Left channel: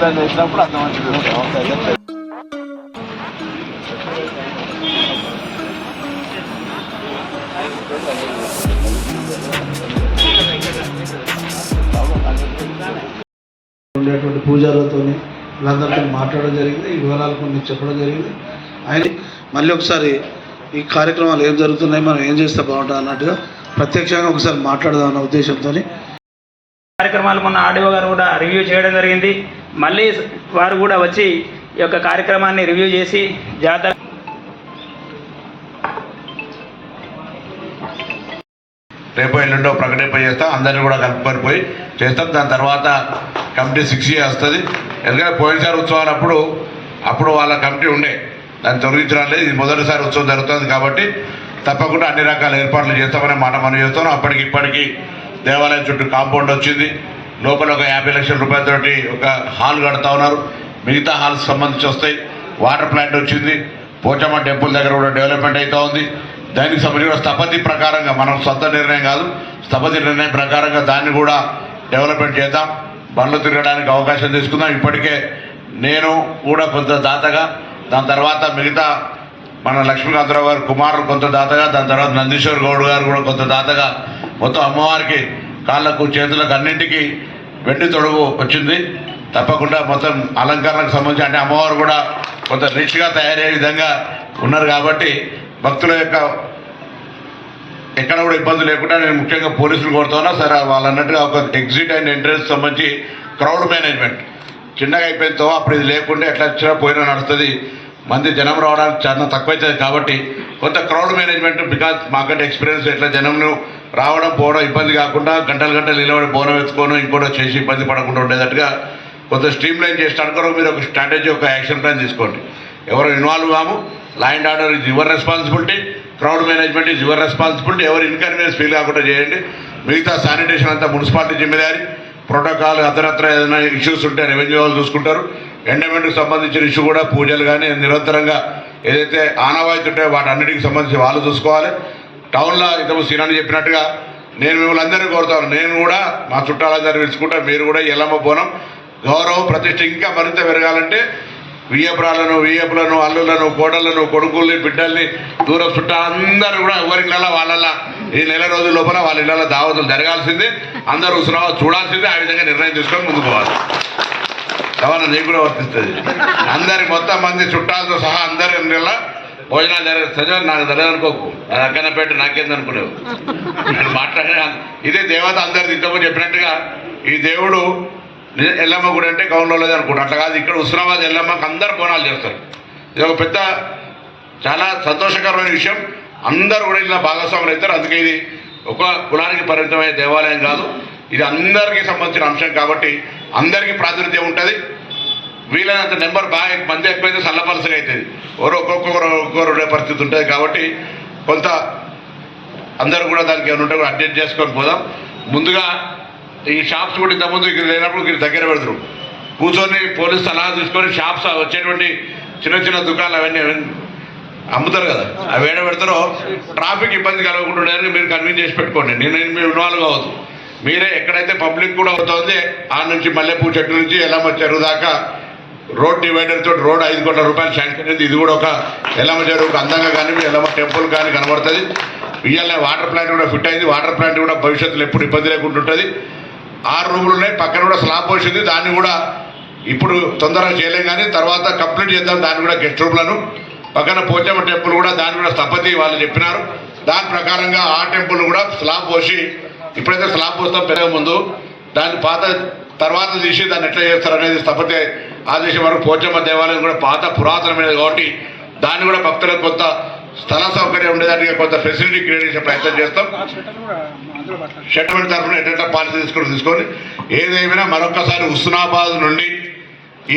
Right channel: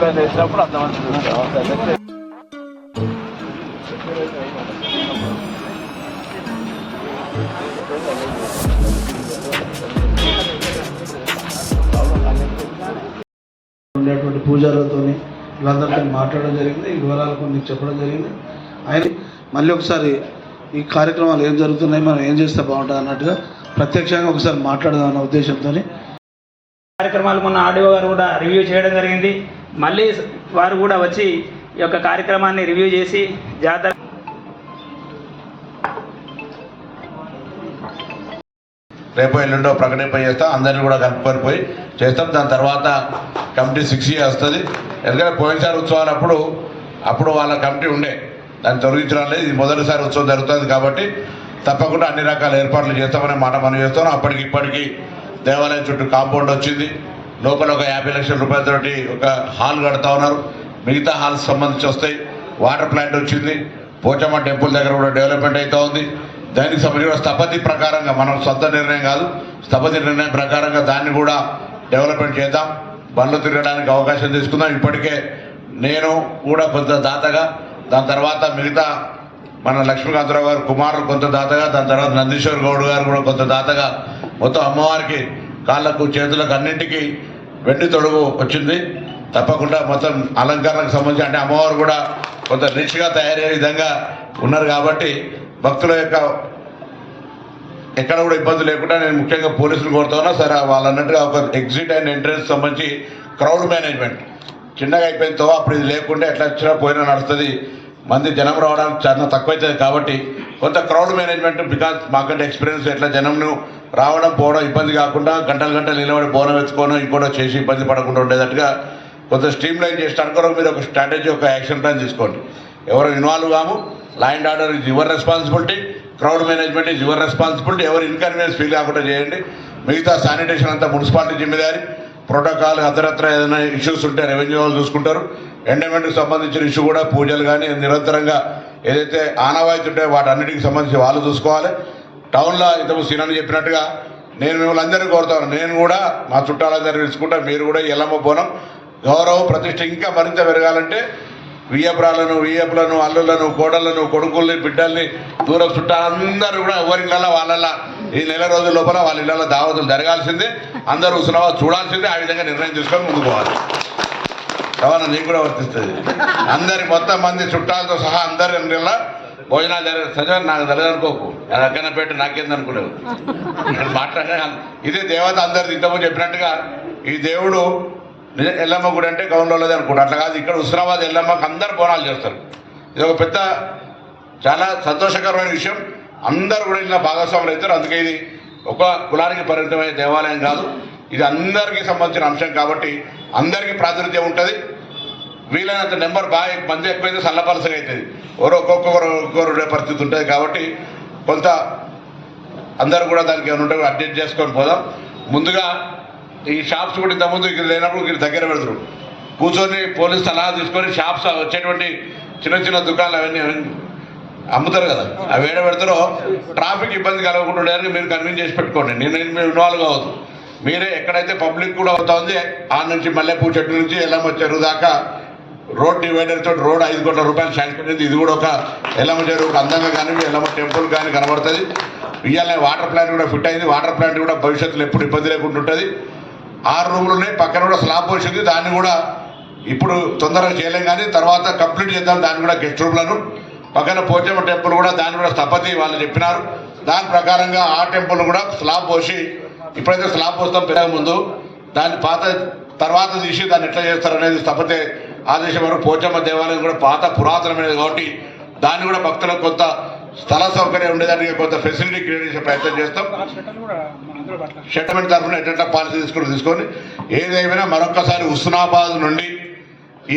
విగ్రహం చేసినప్పుడు అంత మంచిది. ఉండేటువంటి పూజారులతో వీళ్ళందరితో మాట్లాడడం జరిగింది. ఈ వివరాలు కొన్ని చెప్పడం జరిగింది. ఆయన మళ్ళీ ఒకసారి ఈ కార్యక్రమాలు ఏం జరుగుతున్నాయి, మనం ఏం చేస్తే బాగుంటుంది అన్నట్టుగా ప్రత్యక్షంగా ఒకసారి మాట్లాడదాం అన్న ఉద్దేశంతో కార్యక్రమాలు మొన్న ఆర్డీఓ గారు కూడా రివ్యూ చేయడం జరిగింది. మళ్ళీ వారు కూడా వచ్చి ఈ యొక్క కార్యక్రమాన్ని రివ్యూ చేసి జాతర రేపు ఎల్లుండో ప్రకటింప చేస్తాం. అందరినీ కూడా కలుపుకొని పోయి చేస్తాం. దాని తర్వాత కమిటీ 6 వస్తుంది. ఎందుకంటే పోయినసారి ఉత్సవాలు అప్పుడు వాళ్ళ కమిటీ ఉండే, దాన్ని తొలగించడం లేదు. ఇది మొదటిసారి ఉత్సవం జరుగుతుంది కాబట్టి తప్పకుండా అన్ని రకాల ఏర్పాట్లు చేస్తామనే మాట మనం చేస్తాం. అప్పటికి ఇప్పటికీ దేవాలయం చుట్టూ కాంపౌండ్ వచ్చింది. లోపల ఒక 50 లక్షల రూపాయలతోటి ఒక హాల్ కడతా ఉన్నారు. మిగతా హాల్స్ సంబంధించి వస్తాయి. వాటర్ ప్లాంట్ వచ్చింది. పోచమ్మ టెంపుల్ దగ్గర కూడా డెవలప్మెంట్ అవుతూ ఉంది. దానికి సంబంధించిన స్థపతి ప్రకారంగా, మనం సొంత నిర్ణయం కాదు, స్థపతి నిర్ణయం ప్రకారంగా దాన్ని కూడా డెవలప్మెంట్ చేద్దాం. బండ్లు తిరగడానికి అవకాశం తీసుకుందాం. ఇప్పటికే నేను కూడా కొంత దాతగా, దాని తర్వాత మిగతా మన లక్ష్మీకాంతరావు గారు కుమారులు కొంత దాతగా, దాని తర్వాత నందీశ్వర్ గౌడ్ గారు కూడా కొంత దాతగా మొత్తం అమ్మవారికి కాళ్ళకు చేతులకు అన్నింటికి వెండి తొడుగు వచ్చింది. తప్పకుండా మొత్తం అలంకరణకు సంబంధించి అంటే అమ్మవారు కూడా కొంత రిచ్గా తయారయ్యే విధంగా ఉన్నారు కాబట్టి భక్తుల యొక్క ఎక్కడ కూడా ఇబ్బంది లేకుండా నేను ముఖ్యంగా పోలీసులు కోరుతున్నా. సరే వాళ్ళన్నట్టుగా ఒక ఎగ్జిట్ అండ్ ఎంట్రన్స్ సంబంధించి క్రౌడ్ మేనేజ్మెంట్ చిన్నగా అయిపోయిందో అప్పుడు ఇది లేకుండా ఎట్లా వచ్చినా పోయినా నడుస్తుంది. మంది జనం రావడానికి చాలా తక్కువైతుంది కాబట్టి కొంత క్రౌడ్ మేనేజ్మెంట్, బికాజ్ మాకంటే ఎక్స్పీరియన్స్ ఎట్లా జనంను రావడం పోవడం ఇబ్బంది కాకుండా గంటలు నిలబడి బోనం ఎత్తుకోవడం ఇంకోటి చేసి ఇబ్బంది పడకుండా ఉండేటట్టుగా కొంత స్ట్రీమ్ లైన్ చేసి అనుకోవడం. మీరు ఒక స్ట్రాటజీ, ఒక యాక్షన్ ప్లాన్ తీసుకోండి. ఎవరు ఇన్వాల్వ్ కాము. Law and order is your responsibility, crowd management is your responsibility. ఎవరు ఇన్కన్వీనియన్స్ ఫీల్ కాకుండా చేయండి. మిగతా శానిటేషన్ అంతా మున్సిపాలిటీ జిమ్మేదారి. ప్రోటోకాల్ అతరత్ర ఏదైనా ఇష్యూస్ ఉంటే రెవెన్యూ వాళ్ళు చూసుకుంటారు. ఎండోమెంట్కి సంబంధించిన ఇష్యూ కూడా పూజలు కానీ నిరంతరంగా ఏదైతే ఆనవాయితీ ఉంటాయో వాటన్నిటికి సంబంధించి వాళ్ళు చూసుకోవాలి. టౌన్లో ఇంతకు సీనాన్ని చెప్పినట్టుగా నేను మిమ్మల్ని అందరినీ కోరుతాను. నేను కూడా మా చుట్టాలందరినీ పిలుచుకుంటా. మీరు కూడా ఎల్లమ్మ బోనం గౌరవం ప్రతిష్ట ఇంకా మరింత పెరగాలంటే వియ్యపులను అల్లులను కోడళ్లను కొడుకుల్ని బిడ్డల్ని దూరం చుట్టాలందరూ కూడా ఎవరిళ్ళ వాళ్ళ ఈ నెల రోజుల లోపల వాళ్ళ ఇళ్ళ దావతులు జరగాల్సిందే. అందరూ ఉత్సవాలు చూడాల్సిందే. ఆ విధంగా నిర్ణయం తీసుకొని ముందుకు పోవాలి. కావాలి నీకు కూడా వర్తిస్తుంది. అందరి మొత్తం మంది చుట్టాలతో సహా అందరి ఇళ్ళ భోజనాలు జరిగే నాకు జరగనుకోకు. అది అక్కన పెట్టి నాకేందనుకునేవు మాట్లాడే ఇదే దేవత అందరిది ఇంతకుముందు చెప్పినట్టుగా ఈ దేవుడు ఎల్లమ్మ గుడి అంటే గౌన్లోది అనుకుంటా. అట్లా కాదు, ఇక్కడ హుస్నాబాద్ ఎల్లమ్మకి అందరు బోనాలు చేస్తారు. ఇది ఒక పెద్ద చాలా సంతోషకరమైన విషయం. అందరూ కూడా ఇలా భాగస్వాములు అవుతారు. అందుకే ఇది ఒక కులానికి పరిమితమైన దేవాలయం కాదు, ఇది అందరికీ సంబంధించిన అంశం కాబట్టి అందరికీ ప్రాతినిధ్యం ఉంటుంది. వీలైనంత నెంబర్ బాగా మంది ఎక్కువైతే సల్లపలసగా అవుతుంది. ఒక్కొక్కరు ఉండే పరిస్థితి ఉంటుంది కాబట్టి కొంత అందరూ కూడా దానికి ఏమైనా ఉంటే కూడా అడ్జస్ట్ చేసుకొని పోదాం. ముందుగా ఈ షాప్స్ కూడా ఇంతకుముందు ఇక్కడ లేనప్పుడు ఇక్కడ దగ్గర పెడతారు. కూర్చొని పోలీసు సలహా తీసుకొని షాప్స్ వచ్చేటువంటి చిన్న దుకాణాలు అవన్నీ అమ్ముతారు కదా, అవి ఏడ పెడతారో ట్రాఫిక్ ఇబ్బంది కలగకుండా ఉండేదానికి మీరు కన్విన్స్ చేసి పెట్టుకోండి. నేను మీరు ఇన్వాల్వ్ కావద్దు. మీరే ఎక్కడైతే పబ్లిక్ కూడా అవుతుంది ఆ నుంచి మల్లెపూ చెట్టు నుంచి ఎల్లమ్మ చెరువు దాకా రోడ్ డివైడర్ తోటి రోడ్ 5 కోట్ల రూపాయలు శాంక్షన్ అయింది. ఇది కూడా ఒక ఎల్లమ్మ చెరువుకు అందంగా కానీ ఎల్లమ్మ టెంపుల్ కానీ కనబడుతుంది. ఇవాళ వాటర్ ప్లాంట్ కూడా ఫిట్ అయింది. వాటర్ ప్లాంట్ కూడా భవిష్యత్తులో ఎప్పుడు ఇబ్బంది లేకుండా ఉంటుంది. 6 రూములు ఉన్నాయి. పక్కన కూడా స్లాబ్ పోసింది. దాన్ని కూడా ఇప్పుడు తొందరగా చేయలేం కానీ తర్వాత కంప్లీట్ చేద్దాం. దాన్ని కూడా గెస్ట్ రూమ్లను పక్కన పోచమ్మ టెంపుల్ కూడా దాన్ని కూడా స్థపతి వాళ్ళు చెప్పినారు. దాని ప్రకారంగా ఆ టెంపుల్ కూడా స్లాబ్ పోసి ఇప్పుడైతే స్లాబ్ పోస్తాం పెరగ ముందు దాన్ని పాత తర్వాత తీసి దాన్ని ఎట్లా చేస్తారనేది స్థపతి ఆదేశం వరకు. పోచమ్మ దేవాలయం కూడా పాత పురాతనమైనది కాబట్టి దాన్ని కూడా భక్తులకు కొంత స్థల సౌకర్యం ఉండేదానికి కొంత ఫెసిలిటీ క్రియేట్ చేసే ప్రయత్నం చేస్తాం. సెటిల్మెంట్ తరఫున ఎట్లా పాలసీ తీసుకొని ఏదేమైనా మరొకసారి హుస్నాబాద్ నుండి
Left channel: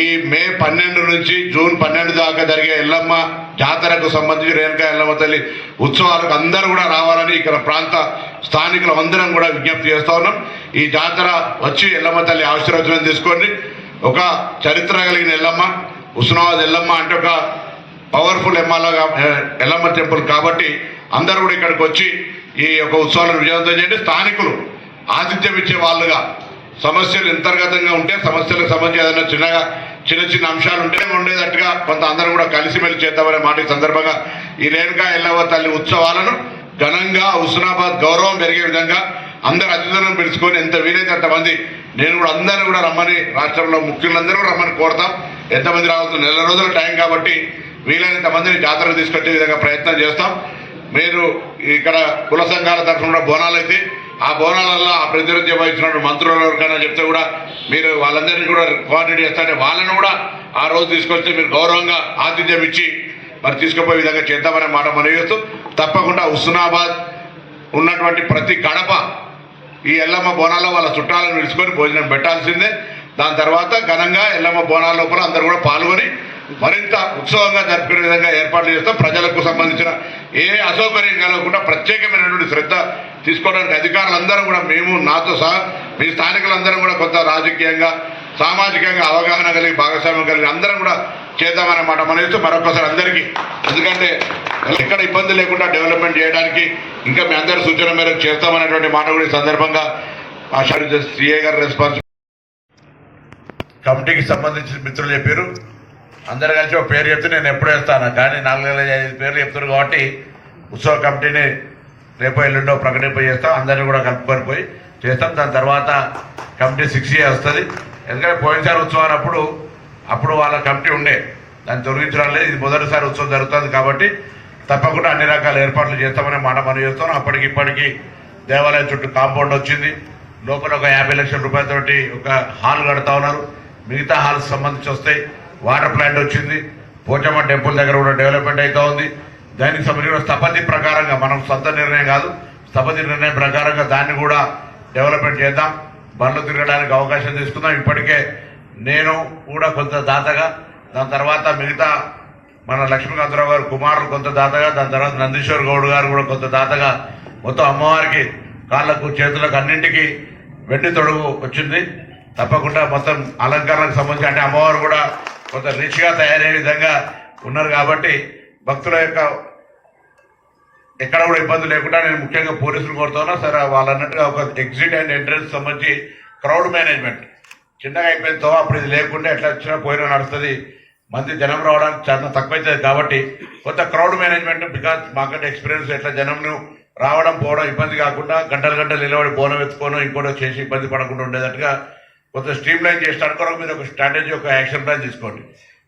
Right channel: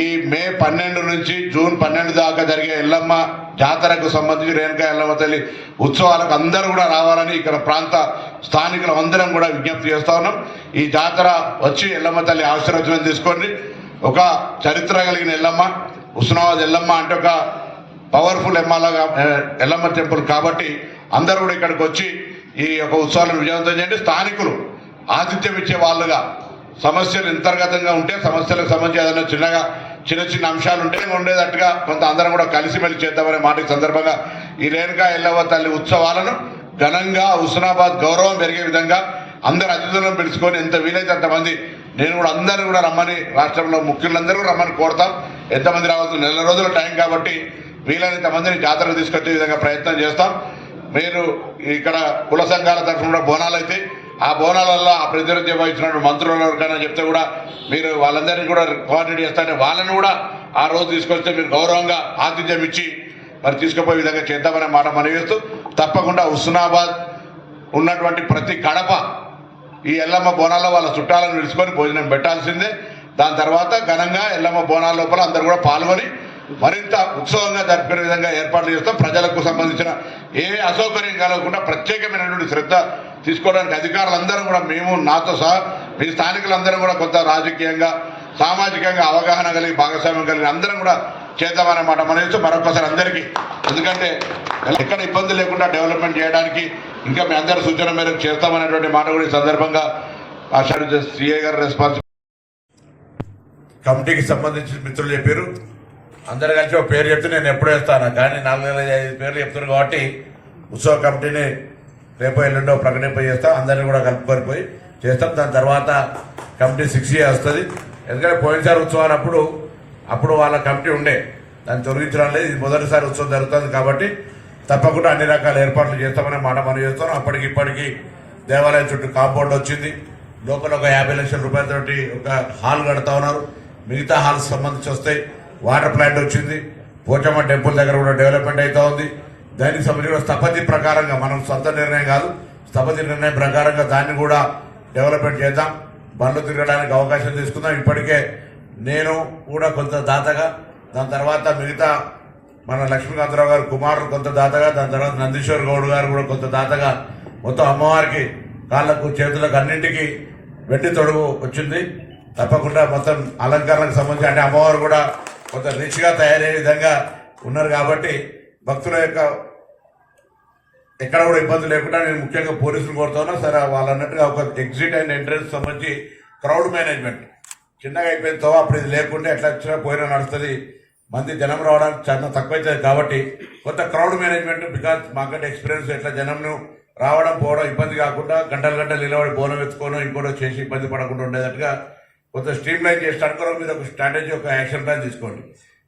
ఈ మే 12 నుంచి జూన్ 12 దాకా జరిగే ఎల్లమ్మ జాతరకు సంబంధించి రేణుకా ఎల్లమ్మ తల్లి ఉత్సవాలకు అందరూ కూడా రావాలని ఇక్కడ ప్రాంత స్థానికులు అందరం కూడా విజ్ఞప్తి చేస్తూ ఉన్నాం. ఈ జాతర వచ్చి ఎల్లమ్మ తల్లి ఆశీర్వచనం తీసుకోండి. ఒక చరిత్ర కలిగిన ఎల్లమ్మ, హుస్నాబాద్ ఎల్లమ్మ అంటే ఒక పవర్ఫుల్ ఎల్లమ్మ టెంపుల్ కాబట్టి అందరూ కూడా ఇక్కడికి వచ్చి ఈ యొక్క ఉత్సవాలను విజయవంతం చేయండి. స్థానికులు ఆతిథ్యం ఇచ్చే వాళ్ళుగా సమస్యలు అంతర్గతంగా ఉంటే సమస్యలకు సంబంధించి ఏదైనా చిన్న చిన్న అంశాలు ఉంటే ఉండేటట్టుగా కొంత అందరం కూడా కలిసిమెలిసి చేద్దామనే మాట ఈ సందర్భంగా ఈ రేణుకా ఎల్లవ్వ తల్లి ఉత్సవాలను ఘనంగా హుస్నాబాద్ గౌరవం పెరిగే విధంగా అందరు అతిథులను పిలుచుకొని ఎంత వీలైతే అంతమంది నేను కూడా అందరూ కూడా రమ్మని రాష్ట్రంలో ముఖ్యులందరూ రమ్మని కోరుతాం. ఎంతమంది రావచ్చు, 4 రోజుల టైం కాబట్టి వీలైనంత మందిని జాతరకు తీసుకొచ్చే విధంగా ప్రయత్నం చేస్తాం. మీరు ఇక్కడ కుల సంఘాల తరఫున కూడా బోనాలు అయితే ఆ బోనాలలో ఆ ప్రతినిధ్యం వహించినటువంటి మంత్రుల ఎవరికైనా చెప్తే కూడా మీరు వాళ్ళందరినీ కూడా కోఆర్డినేట్ చేస్తారంటే వాళ్ళను కూడా ఆ రోజు తీసుకొస్తే మీరు గౌరవంగా ఆతిథ్యం ఇచ్చి మరి తీసుకుపోయే విధంగా చేద్దామనే మాట మనవి చేస్తూ తప్పకుండా హుస్నాబాద్ ఉన్నటువంటి ప్రతి గడప ఈ ఎల్లమ్మ బోనాల్లో వాళ్ళ చుట్టాలను నిలుచుకొని భోజనం పెట్టాల్సిందే. దాని తర్వాత ఘనంగా ఎల్లమ్మ బోనాల లోపల అందరూ కూడా పాల్గొని మరింత ఉత్సవంగా జరుపుకునే విధంగా ఏర్పాట్లు చేస్తాం. ప్రజలకు సంబంధించిన ఏ అసౌకర్యం కలగకుండా ప్రత్యేకమైనటువంటి శ్రద్ధ తీసుకోవడానికి అధికారులందరూ కూడా మేము నాతో సహా మీ స్థానికులందరం కూడా కొంత రాజకీయంగా సామాజికంగా అవగాహన కలిగి భాగస్వామ్యం కలిగి అందరం కూడా చేద్దామన్నమాట మనసు మరొకసారి అందరికీ. ఎందుకంటే ఎక్కడ ఇబ్బంది లేకుండా డెవలప్మెంట్ చేయడానికి ఇంకా మీ అందరి సూచన మేరకు చేస్తామనేటువంటి మాట కూడా ఈ సందర్భంగా సిఐ గారు రెస్పాన్స్ కమిటీకి సంబంధించిన మిత్రులు చెప్పారు. అందరు కలిసి ఒక పేరు చెప్తే నేను ఎప్పుడు వేస్తాను, కానీ 4-5 పేర్లు చెప్తారు కాబట్టి ఉత్సవ కమిటీని రేపు ఎల్లుండో ప్రకటింప చేస్తాం. అందరినీ కూడా కలుపుకొని పోయి చేస్తాం. దాని తర్వాత కమిటీ 6A వస్తుంది. ఎందుకంటే పోయినసారి ఉత్సవాలు అప్పుడు వాళ్ళ కమిటీ ఉండే, దాన్ని తొలగించడం లేదు. ఇది మొదటిసారి ఉత్సవం జరుగుతుంది కాబట్టి తప్పకుండా అన్ని రకాల ఏర్పాట్లు చేస్తామనే మాట మనం చేస్తాం. ఇప్పటికీ దేవాలయం చుట్టూ కాంపౌండ్ వచ్చింది. లోపల ఒక 50 లక్షల రూపాయలతోటి ఒక హాల్ కడతా ఉన్నారు. మిగతా హాల్స్ సంబంధించి వస్తాయి. వాటర్ ప్లాంట్ వచ్చింది. పోచమ్మ టెంపుల్ దగ్గర కూడా డెవలప్మెంట్ అవుతా ఉంది. దానికి సంబంధించిన స్థపతి ప్రకారంగా మనం సొంత నిర్ణయం కాదు, స్థపతి నిర్ణయం ప్రకారంగా దాన్ని కూడా డెవలప్మెంట్ చేద్దాం. బండ్లు తిరగడానికి అవకాశం తీసుకుందాం. ఇప్పటికే నేను కూడా కొంత దాతగా, దాని తర్వాత మిగతా మన లక్ష్మీకాంతరావు గారు కుమారులు కొంత దాతగా, దాని తర్వాత నందీశ్వర్ గౌడ్ గారు కూడా కొంత దాతగా మొత్తం అమ్మవారికి కాళ్ళకు చేతులకు అన్నింటికి వెండి తొడుగు వచ్చింది. తప్పకుండా మొత్తం అలంకరణకు సంబంధించి అంటే అమ్మవారు కూడా కొంత రిచ్గా తయారయ్యే విధంగా ఉన్నారు కాబట్టి భక్తుల యొక్క ఎక్కడ కూడా ఇబ్బంది లేకుండా నేను ముఖ్యంగా పోలీసులు కోరుతున్నా. సరే వాళ్ళు అన్నట్టుగా ఒక ఎగ్జిట్ అండ్ ఎంట్రన్స్ సంబంధించి క్రౌడ్ మేనేజ్మెంట్ చిన్నగా అయిపోయిందో అప్పుడు ఇది లేకుండా ఎట్లా వచ్చినా పోయినా నడుస్తుంది. మంది జనం రావడానికి చాలా తక్కువైతుంది కాబట్టి కొంత క్రౌడ్ మేనేజ్మెంట్ బికాజ్ మాకంటే ఎక్స్పీరియన్స్ ఎట్లా జనంను రావడం పోవడం ఇబ్బంది కాకుండా గంటలు నిలబడి బోనం ఎత్తుకోవడం ఇంకోటో చేసి ఇబ్బంది పడకుండా ఉండేటట్టుగా కొంత స్ట్రీమ్ లైన్ చేసడానికి కూడా మీరు ఒక స్ట్రాటజీ ఒక యాక్షన్ ప్లాన్ తీసుకోండి.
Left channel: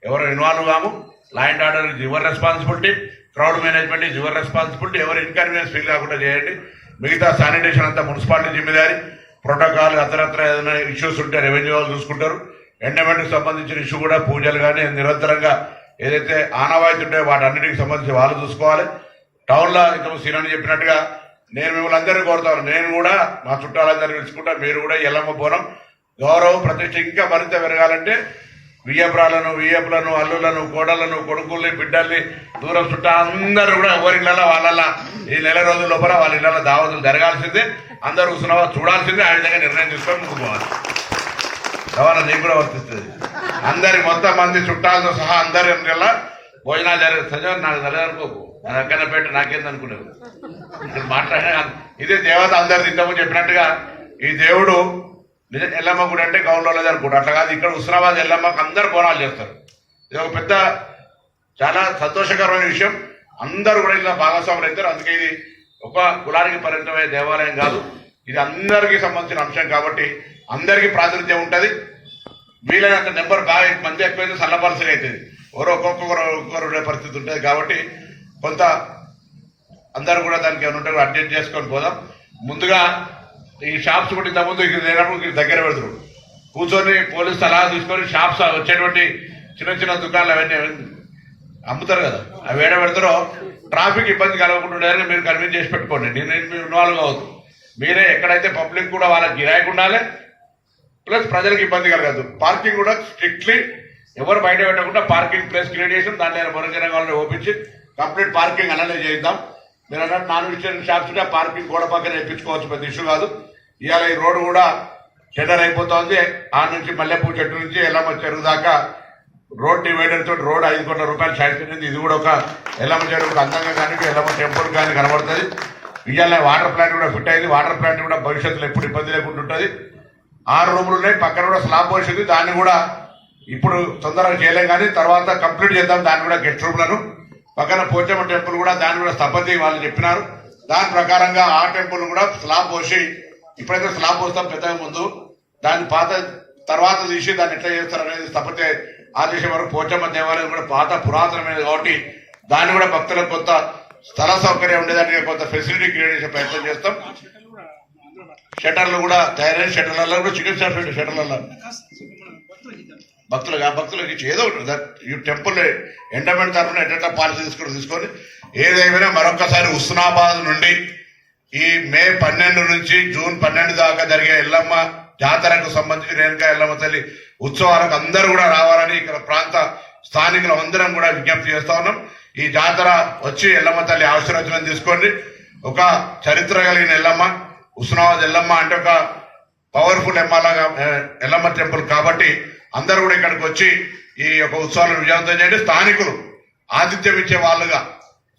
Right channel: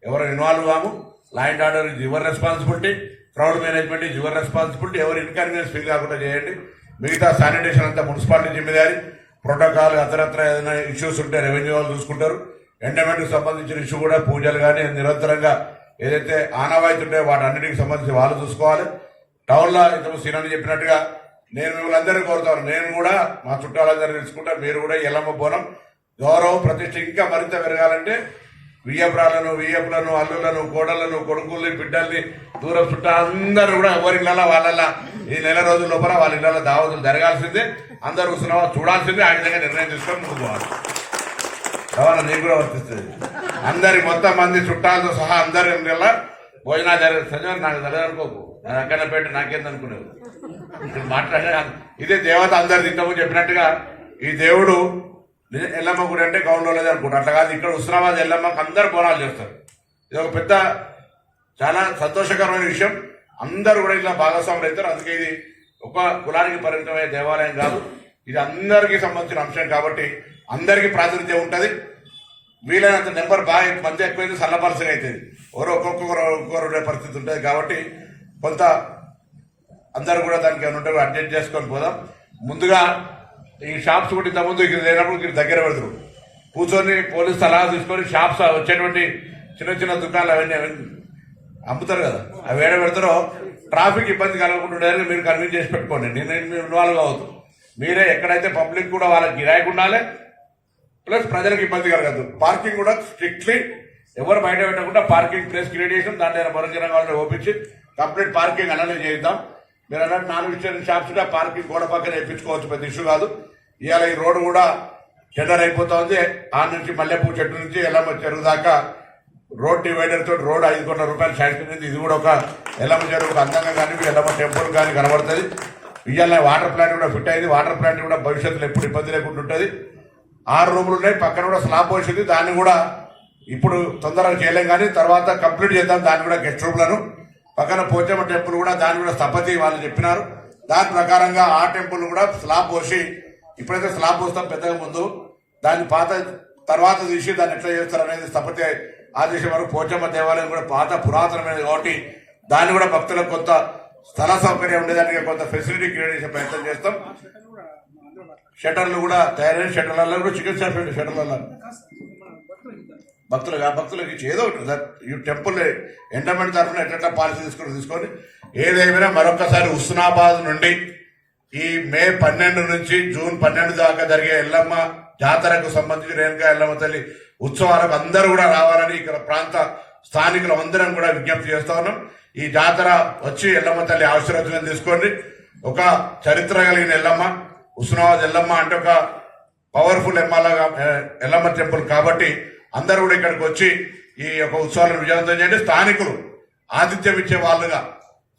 ఎవరు ఇన్వాల్వ్ కాము, law and order is your responsibility, crowd management is your responsibility. ఎవరు ఇన్కన్వీనియన్స్ ఫీల్ కాకుండా చేయండి. మిగతా శానిటేషన్ అంతా మున్సిపాలిటీ జిమ్మేదారి. ప్రోటోకాల్ అతరత్ర ఏదైనా ఇష్యూస్ ఉంటే రెవెన్యూ వాళ్ళు చూసుకుంటారు. ఎండమెంట్కి సంబంధించిన ఇష్యూ కూడా పూజలు కానీ నిరంతరంగా ఏదైతే ఆనవాయితీ ఉంటాయో వాటి అన్నిటికి సంబంధించి వాళ్ళు చూసుకోవాలి. టౌన్లో ఇంతకు సీనని చెప్పినట్టుగా నేను మిమ్మల్ని అందరినీ కోరుతాను. నేను కూడా మా చుట్టాలందరినీ తెలుసుకుంటాను. మీరు కూడా ఎల్లమ్మ బోనం గౌరవం ప్రతిష్ట ఇంకా మరింత పెరగాలంటే వియ్యపులను అల్లులను కోడలను కొడుకుల్ని బిడ్డల్ని దూరం చుట్టాలందరూ కూడా ఎవరిళ్ళ వాళ్ళ ఈ 4 రోజుల లోపల వాళ్ళ ఇళ్ళ దావతులు జరగాల్సిందే. అందరూ హుస్నాబాద్ చూడాల్సిందే. ఆ విధంగా నిర్ణయం తీసుకొని ముందుకు పోవాలి. కావాలా నీకు కూడా వర్తిస్తుంది. అందరి మొత్తం మంది చుట్టాలతో సహా అందరి ఇళ్ళ భోజనాలు జరిగే నాకు తలదనుకోకు, నా దగ్గర పెట్టి నాకేందనుకునేవు ఇక్కడ మాట్లాడే ఇదే దేవత అందరు తింటామని చెప్పినట్టుగా ఈ దేవుడు ఎల్లమ్మ గుడి అంటే గౌన్లో జరుపుకుంటారు. అట్లా కాదు, ఇక్కడ హుస్నాబాద్ ఎల్లమ్మకు అందరు బోనాలు చేస్తారు. ఇది ఒక పెద్ద చాలా సంతోషకరమైన విషయం. అందరూ కూడా ఇలా భాగస్వాములు అవుతారు. అందుకే ఇది ఒక కులానికి పరిమితమైన దేవాలయం కాదు, ఇది అందరికీ సంబంధించిన అంశం కాబట్టి అందరికీ ప్రాతినిధ్యం ఉంటుంది. వీలైనంత నెంబర్ బాగా మంది ఎక్కువైతే సల్లపరసగా అవుతుంది. ఒక్కొక్కరు ఉండే పరిస్థితి ఉంటుంది కాబట్టి కొంత అందరూ కూడా దానికి ఏమైనా ఉంటే అడ్జస్ట్ చేసుకొని పోదాం. ముందుగా ఈ షాప్స్ కూడా ఇంతకుముందు ఇక్కడ లేనప్పుడు దగ్గర పెడతారు కూర్చొని పోలీసు సలహా తీసుకొని షాప్స్ వచ్చేటువంటి చిన్న దుకాణాలు అవన్నీ అమ్ముతారు కదా, అవి ఏడ పెడతారో ట్రాఫిక్ ఇబ్బంది కలగకుండా ఉండేదాన్ని మీరు కన్విన్స్ చేసి పెట్టుకోండి. నేను ఇన్వాల్వ్ కావద్దు. మీరే ఎక్కడైతే పబ్లిక్ కూడా వాళ్ళకి గిరాయికి ఉండాలి, ప్లస్ ప్రజలకు ఇబ్బంది కలగదు. పార్కింగ్ కూడా స్ట్రిక్ట్లీ ఎవరు బయట పెట్టకుండా పార్కింగ్ ప్లేస్ క్రియేట్ చేసి దాంట్లో మరొక వాళ్ళని ఓపించి కంప్లీట్ పార్కింగ్ అలానే చేద్దాం. మీరు అన్నట్టు నాన్ వెజిటేరియన్ షాప్స్ కూడా పార్కింగ్ గోడ పక్కన ఎక్కించుకోవచ్చు, పెద్ద ఇష్యూ కాదు. ఇవాళ ఈ రోడ్డు కూడా టెండర్ అయిపోతుంది. ఆ నుంచి మల్లెపూ చెట్టు నుంచి ఎల్లమ్మ చెరువు దాకా రోడ్ డివైడర్ తోటి రోడ్ 5 కోట్ల రూపాయలు శాంక్షన్ అయింది. ఇది కూడా ఒక ఎల్లమ్మ చెరువుకు అందంగా కానీ ఎల్లమ్మ టెంపుల్ కానీ కనబడుతుంది. ఇవాళ వాటర్ ప్లాంట్ కూడా ఫిట్ అయింది. వాటర్ ప్లాంట్ కూడా భవిష్యత్తులో ఎప్పుడు ఇబ్బంది లేకుండా ఉంటుంది. 6 రూములు ఉన్నాయి, పక్కన కూడా స్లాబ్ పోసింది. దాన్ని కూడా ఇప్పుడు తొందరగా చేయలేం, కానీ తర్వాత కంప్లీట్ చేద్దాం. దాన్ని కూడా గెస్ట్ రూమ్లను పక్కన పోచమ్మ టెంపుల్ కూడా దాన్ని కూడా స్థపతి వాళ్ళు చెప్పినారు. దాని ప్రకారంగా ఆ టెంపుల్ కూడా స్లాబ్ పోసి, ఇప్పుడైతే స్లాబ్ పోస్తాం పెద్దగా ముందు, దాన్ని పాత తర్వాత తీసి దాన్ని ఎట్లా చేస్తారు అనేది స్థపతి ఆదేశం వరకు. పోచమ్మ దేవాలయం కూడా పాత పురాతనమైనది కాబట్టి దాన్ని కూడా భక్తులకు కొంత స్థల సౌకర్యం ఉండేదానికి కొంత ఫెసిలిటీ క్రియేట్ చేసే ప్రయత్నం చేస్తాం. షట్టర్లు కూడా తయారైన షట్టర్లలో కూడా చికెన్ షట్టర్లలో భక్తులకు ఇచ్చి ఏదో ఈ టెంపుల్ ఎండమెంట్ తరఫున ఎట్లా పాలసీ తీసుకొని ఏదేమైనా మరొకసారి హుస్నాబాద్ నుండి ఈ మే 12 నుంచి జూన్ 12 దాకా జరిగే ఎల్లమ్మ జాతరకు సంబంధించి రేణుకా ఎల్లమ్మ తల్లి ఉత్సవాలకు అందరూ కూడా రావాలని ఇక్కడ ప్రాంత స్థానికులు అందరం కూడా విజ్ఞప్తి చేస్తా ఉన్నాం. ఈ జాతర వచ్చి ఎల్లమ్మ తల్లి ఆశీర్వచనం తీసుకోండి. ఒక చరిత్ర కలిగిన ఎల్లమ్మ, హుస్నాబాద్ ఎల్లమ్మ అంటే ఒక పవర్ఫుల్ ఎల్లమ్మ టెంపుల్ కాబట్టి అందరూ కూడా ఇక్కడికి వచ్చి ఈ యొక్క ఉత్సవాలను విజయవంతం చేయండి. స్థానికులు ఆతిథ్యం ఇచ్చే వాళ్ళుగా,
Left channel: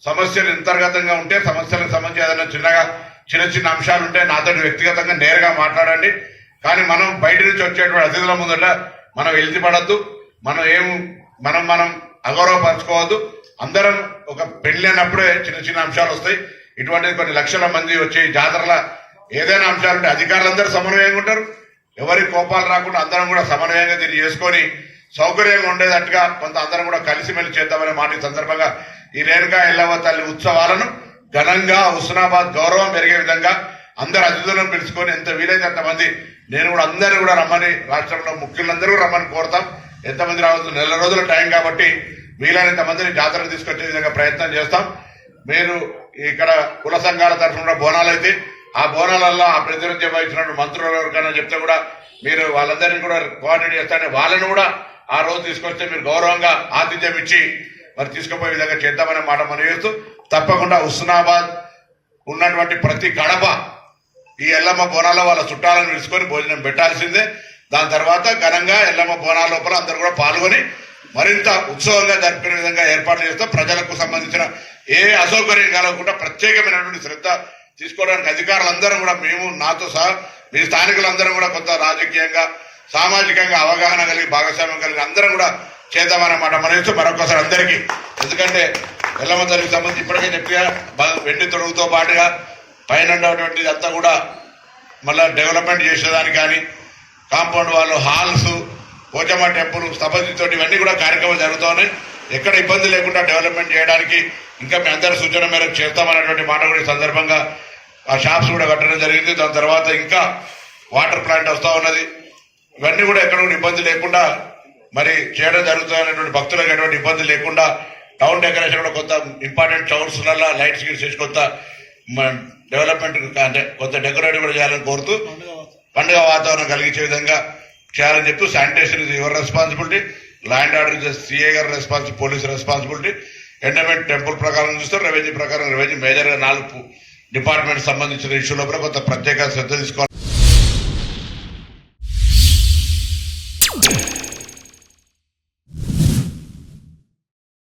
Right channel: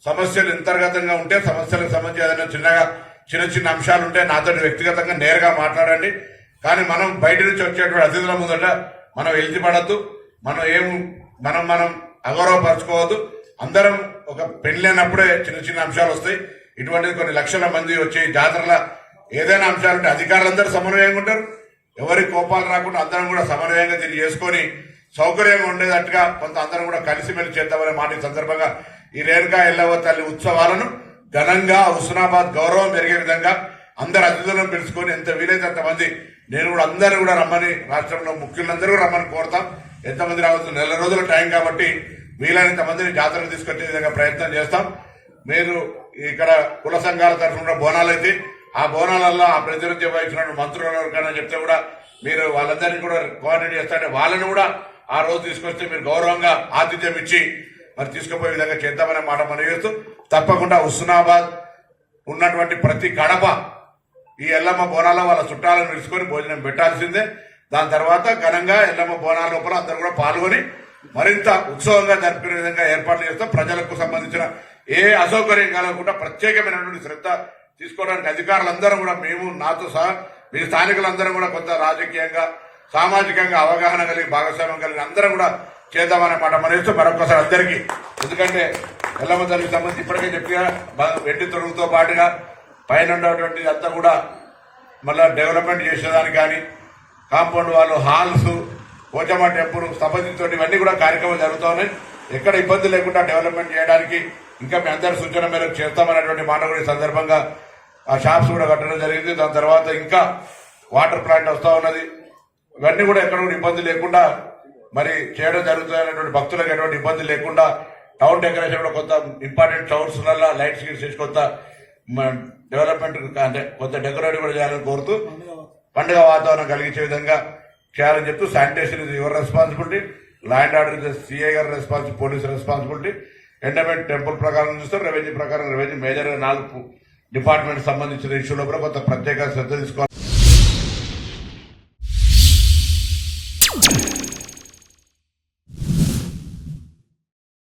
సమస్యలు అంతర్గతంగా ఉంటే సమస్యలకు సంబంధించి ఏదైనా చిన్న అంశాలు ఉంటే నాతో వ్యక్తిగతంగా నేరుగా మాట్లాడండి. కానీ మనం బయట నుంచి వచ్చేటువంటి అతిథుల ముందట మనం ఎలిజిపడద్దు, మనం అగౌరవపరచుకోవద్దు. అందరం ఒక పెళ్ళైనప్పుడే చిన్న అంశాలు వస్తాయి. ఇటువంటి కొన్ని లక్షల మంది వచ్చి జాతరల ఏదైనా అంశాలుంటే అధికారులందరూ సమన్వయంగా ఉంటారు. ఎవరి కోపాలు రాకుండా అందరం కూడా సమన్వయంగా దీన్ని చేసుకొని సౌకర్యంగా ఉండేటట్టుగా కొంత అందరం కూడా కలిసిమెలిసి చేద్దామనే మాట ఈ సందర్భంగా ఈ రేణుకా ఎల్లమ్మ తల్లి ఉత్సవాలను ఘనంగా హుస్నాబాద్ గౌరవం పెరిగే విధంగా అందరు అతిథులను పిలుచుకొని ఎంత వీలైతే అంతమంది, నేను కూడా అందరూ కూడా రమ్మని, రాష్ట్రంలో ముఖ్యులందరూ రమ్మని కోరుతాం. ఎంతమంది రావచ్చు, 4 రోజుల టైం కాబట్టి వీలైనంత మందిని జాతరకు తీసుకొచ్చే విధంగా ప్రయత్నం చేస్తాం. మీరు ఇక్కడ కుల సంఘాల తరఫున బోనాలు అయితే ఆ బోనాలలో ఆ ప్రతినిధ్యం వహించినటువంటి మంత్రులు ఎవరికైనా చెప్తే కూడా మీరు వాళ్ళందరినీ కూడా కోఆర్డినేట్ చేస్తారని వాళ్ళని కూడా ఆ రోజు తీసుకొస్తే మీరు గౌరవంగా ఆతిథ్యం ఇచ్చి మరి తీసుకుపోయే విధంగా చేద్దామనే మాట మనం చేస్తూ, తప్పకుండా హుస్నాబాద్ ఉన్నటువంటి ప్రతి గడప ఈ ఎల్లమ్మ బోనాల వాళ్ళ చుట్టాలను పిలుచుకొని భోజనం పెట్టాల్సిందే. దాని తర్వాత ఘనంగా ఎల్లమ్మ బోనాల లోపల అందరూ కూడా పాల్గొని మరింత ఉత్సవంగా జరుపుకునే విధంగా ఏర్పాట్లు చేస్తాం. ప్రజలకు సంబంధించిన ఏ అసౌకర్యం కలగకుండా ప్రత్యేకమైనటువంటి శ్రద్ధ తీసుకోవడానికి అధికారులందరం కూడా, మేము నాతో సహా మీ స్థానికులందరం కూడా కొంత రాజకీయంగా సామాజికంగా అవగాహన కలిగి భాగస్వామ్యం కలిగి అందరం కూడా చేద్దామన్నమాట మనతో మరొకసారి అందరికీ. ఎందుకంటే ఎల్లమ్మ తల్లికి సంబంధించి ఇప్పటికే చెప్పిగా వెండి తొడుగుతో పాటుగా పైన ఉన్నటువంటి అంతా కూడా మళ్ళీ డెవలప్మెంట్ చేసేదానికి కానీ కాంపౌండ్ వాళ్ళు హాల్స్, పోచమ్మ టెంపుల్ స్థపతితో ఇవన్నీ కూడా కార్యక్రమాలు జరుగుతూ ఉన్నాయి. ఎక్కడ ఇబ్బంది లేకుండా డెవలప్మెంట్ చేయడానికి ఇంకా మీ అందరి సూచన మేరకు చేస్తామన్నటువంటి మాట కూడా ఈ సందర్భంగా ఆ షాప్స్ కూడా కట్టడం జరిగింది. దాని తర్వాత ఇంకా వాటర్ ప్లాంట్ వస్తూ ఉన్నది. ఇవన్నీ కూడా ఎక్కడ కూడా ఇబ్బంది లేకుండా మరి చేయడం జరుగుతున్నటువంటి భక్తులకు ఎటువంటి ఇబ్బంది లేకుండా టౌన్ డెకరేషన్ కూడా కొంత ఇంపార్టెంట్ చౌర్స్లలో లైట్స్ చేసి కొంత డెవలప్మెంట్ అంటే కొంత డెకరేట్ కూడా చేయాలని కోరుతూ పండుగ వాతావరణం కలిగించే విధంగా చేయాలని చెప్తూ శానిటేషన్ ఇది your responsibility, land order is CI గారి responsibility, police responsibility, endowment temple ప్రకారం చూస్తారు, రెవెన్యూ ప్రకారం రెవెన్యూ మేజర్గా 4 డిపార్ట్మెంట్ సంబంధించిన ఇష్యూల కొంత ప్రత్యేక శ్రద్ధ తీసుకోవాలి.